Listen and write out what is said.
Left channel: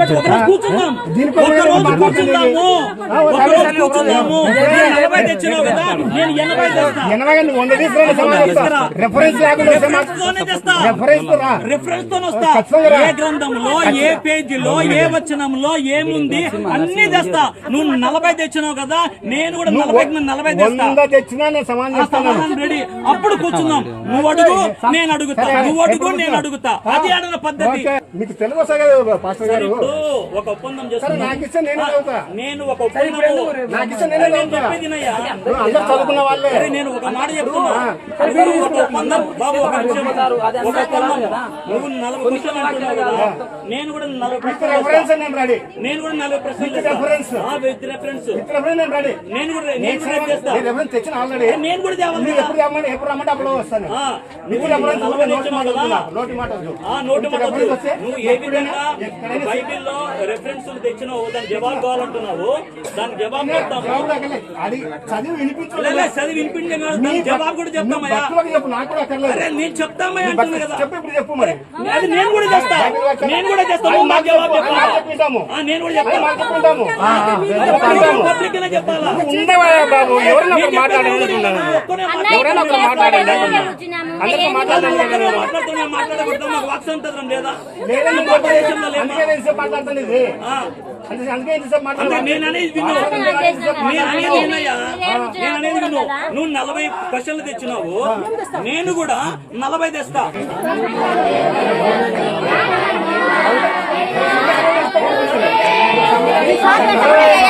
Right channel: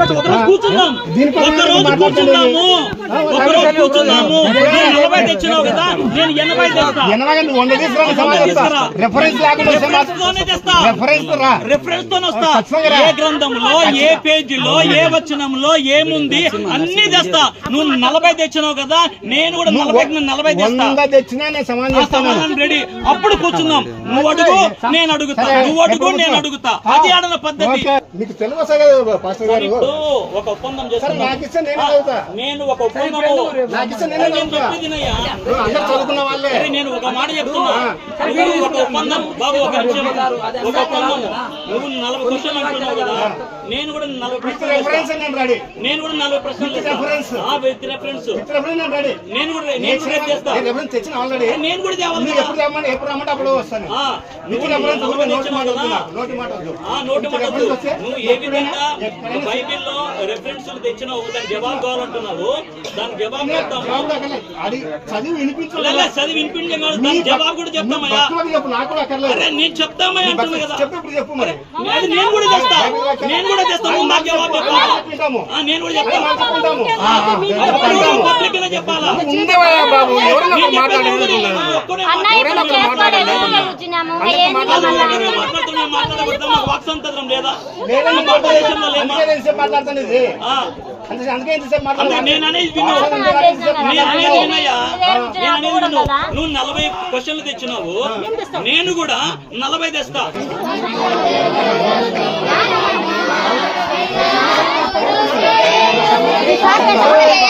రోజు కూర్చుందాం ఒక రోజు కూర్చుందాము ఒక రోజు కూర్చుందాము నేను నలభై తెచ్చినావు కదా నేను ఎనభై తెస్తా. రెఫరెన్స్ వస్తే తోనే. ఏ గ్రంథంలో ఏ పేజీలో ఏ వచనంలో ఏముంది అన్ని తెస్తా. నువ్వు నలభై తెచ్చినావు కదా నేను కూడా నలభై నలభై తెస్తా. సమాధానం రెడీ. అప్పుడు కూర్చుందాం నువ్వు అడుగు నేను అడుగుతా. నువ్వు అడుగు నేను అడుగుతా. అది ఆడన పద్ధతి. మీకు తెలుగు పాస్టర్ గారు? ఇప్పుడు ఒక ఒప్పందం ఇస్తే నేను ఒక ఇస్తే నేనే ఒక మాట చెప్తున్నా. నువ్వు ఒక ఒప్పందం బాబు ఒక నిమిషం ఒక ఒప్పందం నువ్వు నలభై క్వశ్చన్లు అంటున్నావు కదా. నేను కూడా నలభై ప్రశ్నలు. నేను రెడీ నేను కూడా నలభై ప్రశ్నలు విత్ రెఫరెన్స్ నేను కూడా నేను కూడా రేపు చేస్తా. నేను రెఫరెన్స్ తెచ్చిన ఆల్రెడీ. నేను కూడా తేవాలి. ఎప్పుడు రమ్మని ఎప్పుడు రమ్మంటే అప్పుడు వస్తాను. నువ్వు నలభై నోటి మాట నోటి నువ్వు ఏ విధంగా బైబిల్లో రెఫరెన్స్లు తెచ్చినావు దాని జవాబు కావాలంటున్నావు దాని జవాబు చెప్తాము. అది చదివి వినిపించు లే, లే, చదివి వినిపించే కాదు దాని జవాబు కూడా చెప్తామయ్యా. భక్తులకు చెప్పు నాకు కూడా అక్కర్లేదు. అరే నేను చెప్తామయ్యా అంటున్నా కదా. చెప్పు ఇప్పుడు చెప్పు మరి. అది నేను కూడా చేస్తా నేను కూడా చేస్తా నువ్వు నాకు జవాబు నేను కూడా చెప్తాను పబ్లిక్గా చెప్పాలా? ఉండవయ్యా బాబు? ఎవరైనా ఒకరు మాట్లాడేది చెప్పేది ఉన్నాను. నువ్వు ఒక్కనే మాట్లాడు. ఎవరైనా ఒకరు మాట్లాడండి అందరితో నువ్వు మాట్లాడండి ఒక్కనే మాట్లాడుతూ నేను మాట్లాడకూడదు. నాకు వాక్సంతరం లేదా? నేనే ఇది అందుకే ఇంతసేపు నువ్వు నలభై క్వశ్చన్లు తెచ్చినావు. నేను కూడా నలభై తెస్తా. సార్